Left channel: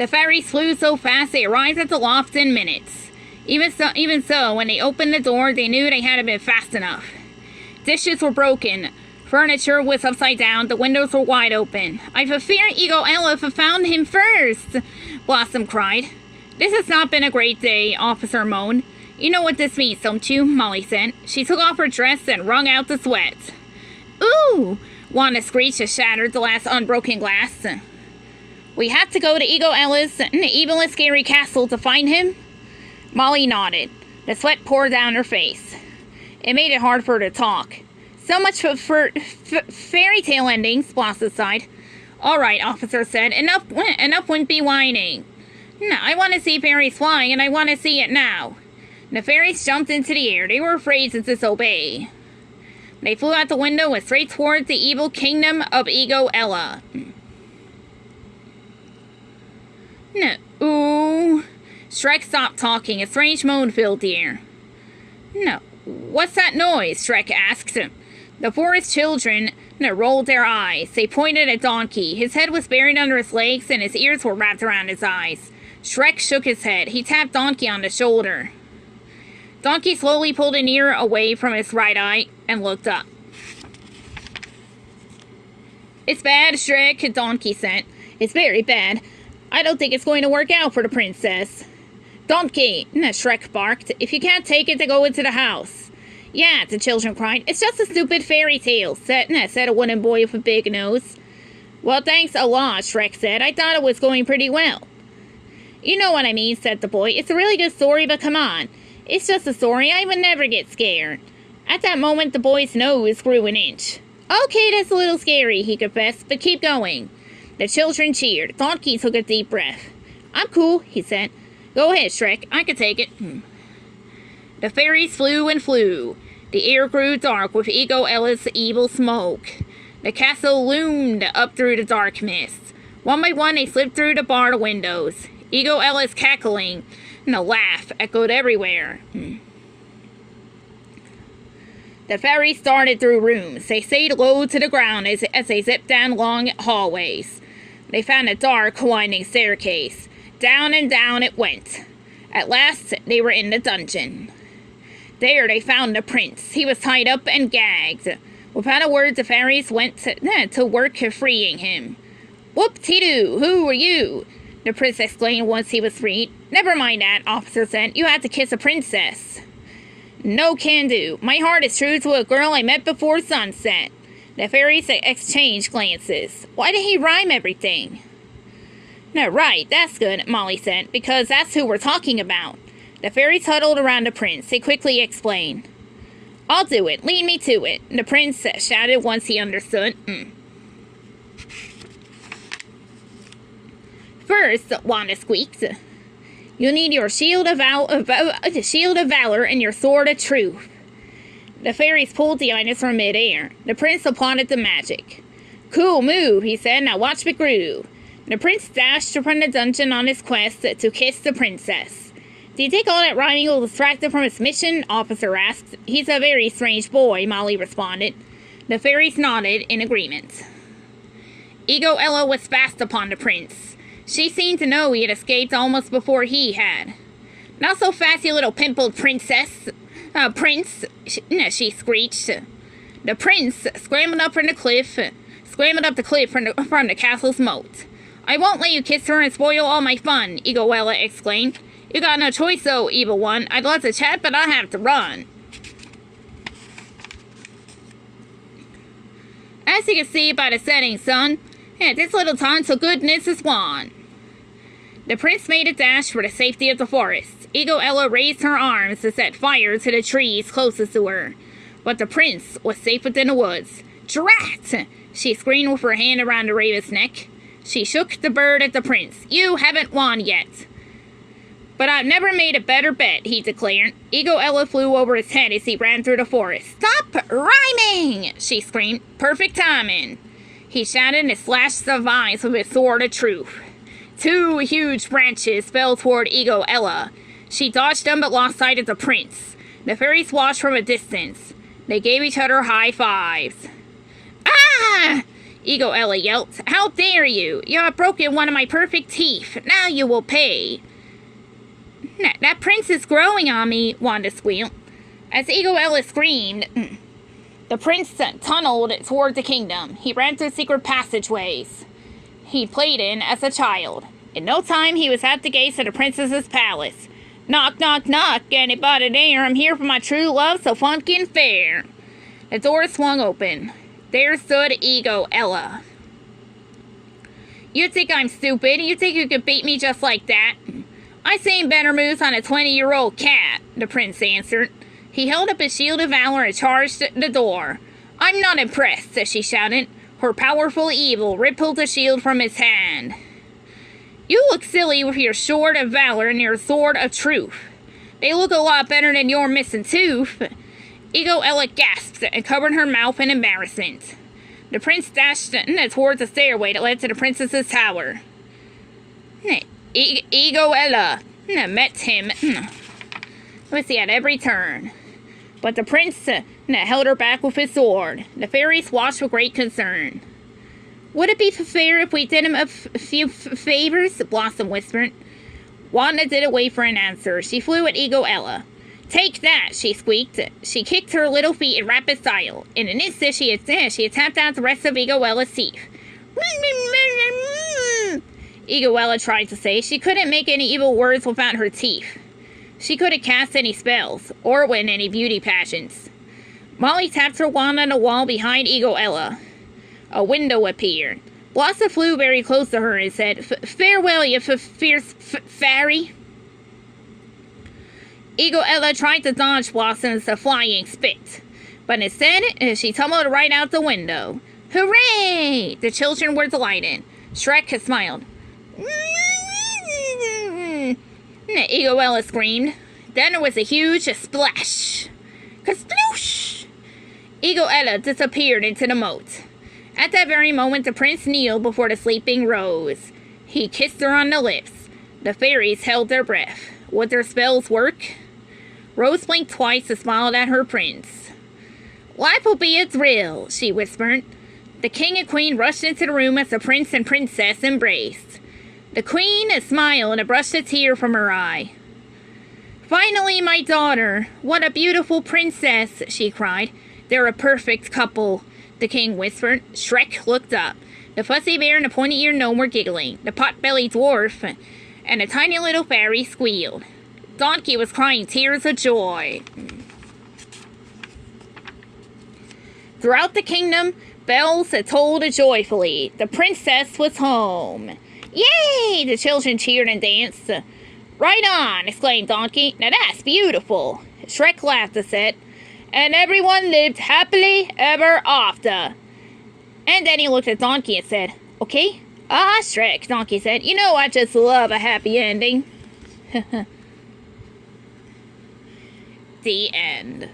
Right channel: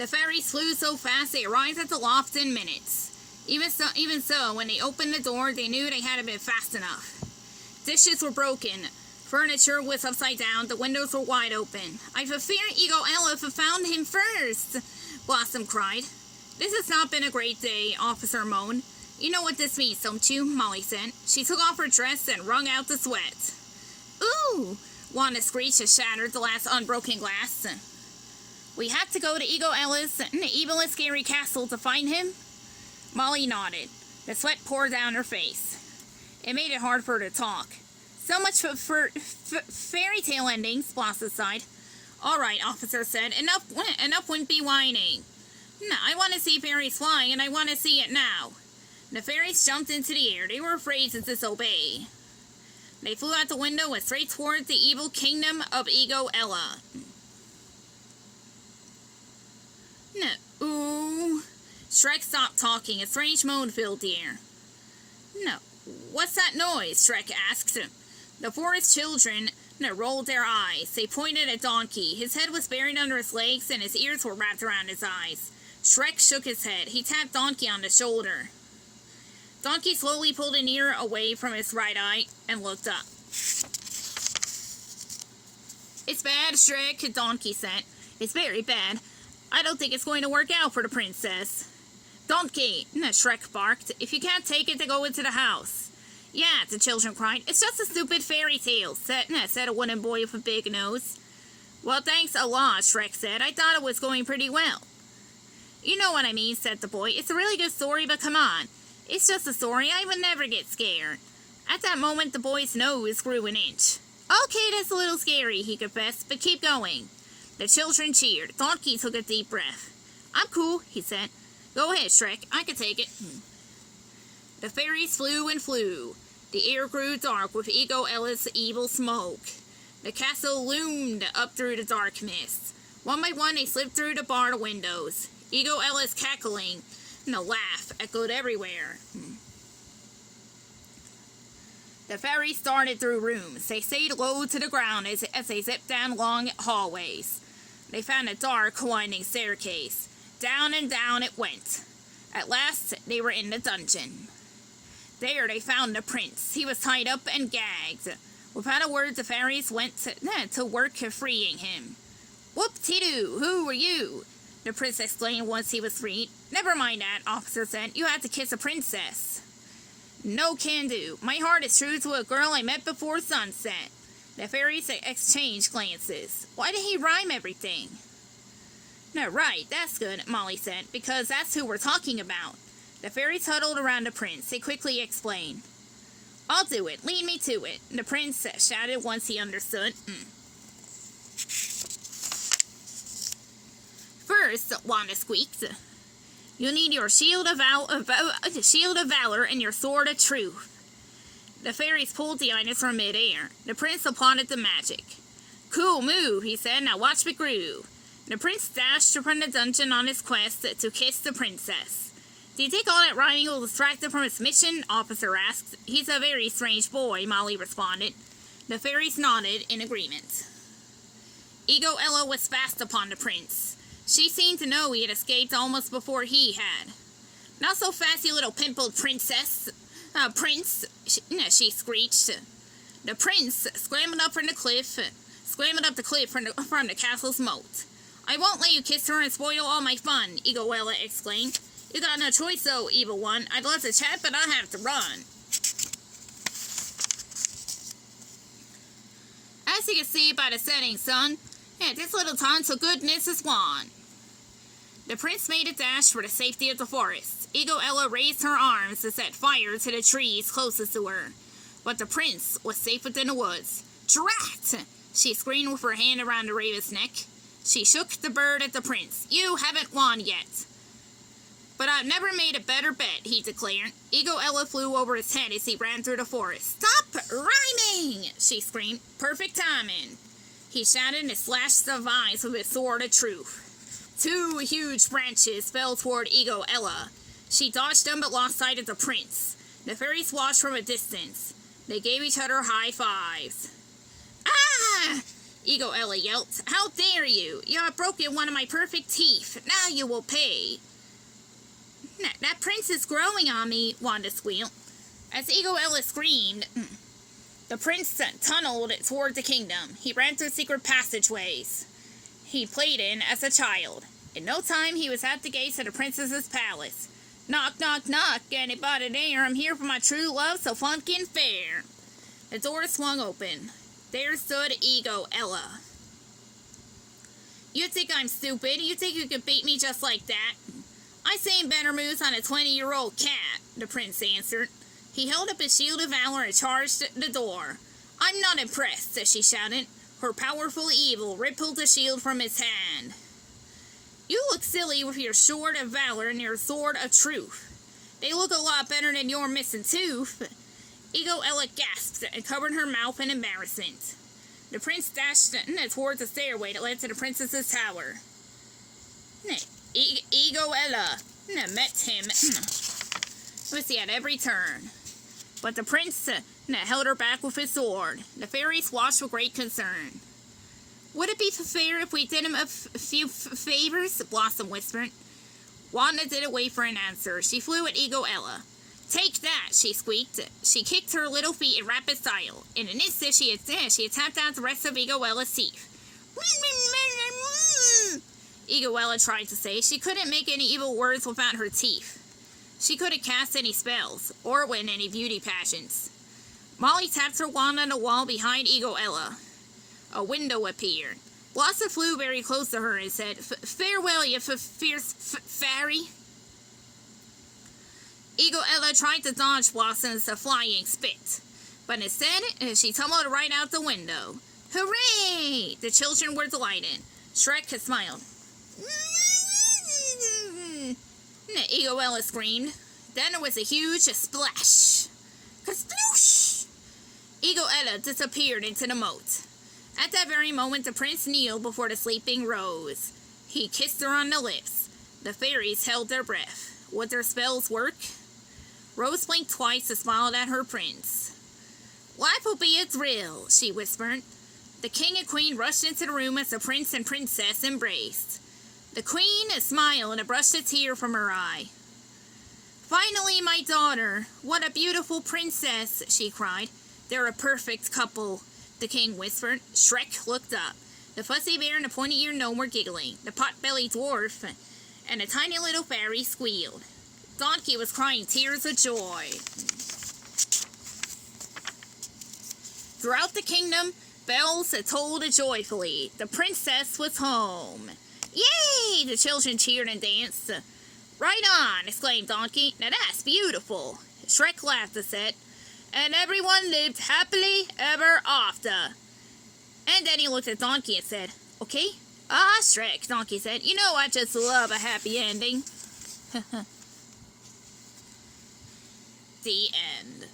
The fairies flew so fast they arrived at the loft in minutes. Even so, when they opened the door, they knew they hadn't been fast enough. Dishes were broken. Furniture was upside down. The windows were wide open. "I've a fear Eagle Elf found him first," Blossom cried. "This has not been a great day," Officer moaned. "You know what this means, don't you?" Molly said. She took off her dress and wrung out the sweat. "Ooh!" Wanda screeched as shattered the last unbroken glass. "We have to go to Eagle Ellis in the evil and scary castle to find him?" Molly nodded. The sweat poured down her face. It made it hard for her to talk. "So much for fairy tale endings," Blossom sighed. "All right," Officer said. Enough wouldn't be whining. "No, I want to see fairies flying, and I want to see it now." The fairies jumped into the air. They were afraid to disobey. They flew out the window and straight towards the evil kingdom of Ego Ella. No. Ooh. Shrek stopped talking. A strange moan filled the air. "No. What's that noise?" Shrek asked. The forest children rolled their eyes. They pointed at Donkey. His head was buried under his legs and his ears were wrapped around his eyes. Shrek shook his head. He tapped Donkey on the shoulder. Donkey slowly pulled an ear away from his right eye and looked up. "It's bad, Shrek," Donkey said. "It's very bad. I don't think it's going to work out for the princess." "Donkey," Shrek barked. "If you can't take it, then go into the house." "Yeah," the children cried. "It's just a stupid fairy tale," said a wooden boy with a big nose. "Well, thanks a lot," Shrek said. "I thought it was going pretty well." "You know what I mean," said the boy. "It's a really good story, but come on. It's just a story. I would never get scared." At that moment, the boy's nose grew an inch. "Okay, that's a little scary," he confessed, "but keep going." The children cheered. Donkey took a deep breath. "I'm cool," he said. "Go ahead, Shrek. I can take it." The fairies flew and flew. The air grew dark with Ego Ella's evil smoke. The castle loomed up through the dark mist. One by one, they slipped through the barred windows. Ego Ella's cackling and a laugh echoed everywhere. The fairies started through rooms. They stayed low to the ground as they zipped down long hallways. They found a dark, winding staircase. Down and down it went. At last, they were in the dungeon. There they found the prince. He was tied up and gagged. Without a word, the fairies went to work freeing him. "Whoop-de-doo, who are you?" the prince exclaimed once he was freed. "Never mind that," Officer said. "You had to kiss a princess." "No can do. My heart is true to a girl I met before sunset." The fairies exchanged glances. "Why did he rhyme everything?" "No, right, that's good," Molly said, "because that's who we're talking about." The fairies huddled around the prince. They quickly explained. "I'll do it. Lead me to it," the prince shouted once he understood. "First," Wanda squeaked, "you'll need your shield of valor and your sword of truth." The fairies pulled the items from midair. The prince applauded the magic. "Cool move," he said. "Now watch me groove." The prince dashed from the dungeon on his quest to kiss the princess. "Do you think all that rhyming will distract him from his mission?" Officer asked. "He's a very strange boy," Molly responded. The fairies nodded in agreement. Ego Ella was fast upon the prince. She seemed to know he had escaped almost before he had. "Not so fast, you little pimpled princess. Prince," she screeched. The prince scrambled up the cliff from the castle's moat. "I won't let you kiss her and spoil all my fun," Ego Ella exclaimed. "You got no choice, though, evil one. I'd love to chat, but I have to run." As you can see by the setting sun, this little time to goodness is gone. The prince made a dash for the safety of the forest. Ego Ella raised her arms to set fire to the trees closest to her. But the prince was safe within the woods. "Drat!" she screamed with her hand around the raven's neck. She shook the bird at the prince. "You haven't won yet." "But I've never made a better bet," he declared. Ego Ella flew over his head as he ran through the forest. "Stop rhyming!" she screamed. "Perfect timing." He shouted and slashed the vines with his sword of truth. 2 huge branches fell toward Ego Ella. She dodged them but lost sight of the prince. The fairies watched from a distance. They gave each other high fives. "Ah!" Ego Ella yelped. How dare you? You have broken one of my perfect teeth. Now you will pay. That prince is growing on me, Wanda squealed. As Ego Ella screamed, the prince tunneled toward the kingdom. He ran through secret passageways he played in as a child. In no time, he was at the gates of the princess's palace. Knock, knock, knock, anybody there? I'm here for my true love, so funky and fair. The door swung open. There stood Ego Ella. You think I'm stupid? You think you could beat me just like that? I seen better moves on a 20-year-old cat, the prince answered. He held up his shield of valor and charged the door. I'm not impressed, she shouted. Her powerful evil rippled the shield from his hand. You look silly with your sword of valor and your sword of truth. They look a lot better than your missing tooth. Ego Ella gasped and covered her mouth in embarrassment. The prince dashed towards the stairway that led to the princess's tower. Ego Ella met him at every turn. But the prince held her back with his sword. The fairies watched with great concern. Would it be fair if we did him a few favors? Blossom whispered. Wanda didn't wait for an answer. She flew at Ego Ella. Take that, she squeaked. She kicked her little feet in rapid style. In an instant, she had tapped out the rest of Ego Ella's teeth. Ego Ella tried to say she couldn't make any evil words without her teeth. She couldn't cast any spells, or win any beauty pageants. Molly tapped her wand on the wall behind Ego Ella. A window appeared. Blossom flew very close to her and said, Farewell, you fierce fairy. Ego Ella tried to dodge Blossom's flying spit, but instead, she tumbled right out the window. Hooray! The children were delighted. Shrek smiled. Ego Ella screamed. Then there was a huge splash. Kasploosh! Ego Ella disappeared into the moat. At that very moment, the prince kneeled before the sleeping Rose. He kissed her on the lips. The fairies held their breath. Would their spells work? Rose blinked twice and smiled at her prince. Life will be a thrill, she whispered. The king and queen rushed into the room as the prince and princess embraced. The queen smiled and brushed a tear from her eye. Finally, my daughter, what a beautiful princess, she cried. They're a perfect couple, the king whispered. Shrek looked up. The fuzzy bear and the pointy-eared gnome were giggling. The pot-bellied dwarf and the tiny little fairy squealed. Donkey was crying tears of joy. Throughout the kingdom, bells tolled joyfully. The princess was home. Yay! The children cheered and danced. Right on! Exclaimed Donkey. Now that's beautiful. Shrek laughed and said, and everyone lived happily ever after. And then he looked at Donkey and said, okay? Ah, Shrek, Donkey said. You know I just love a happy ending. The end.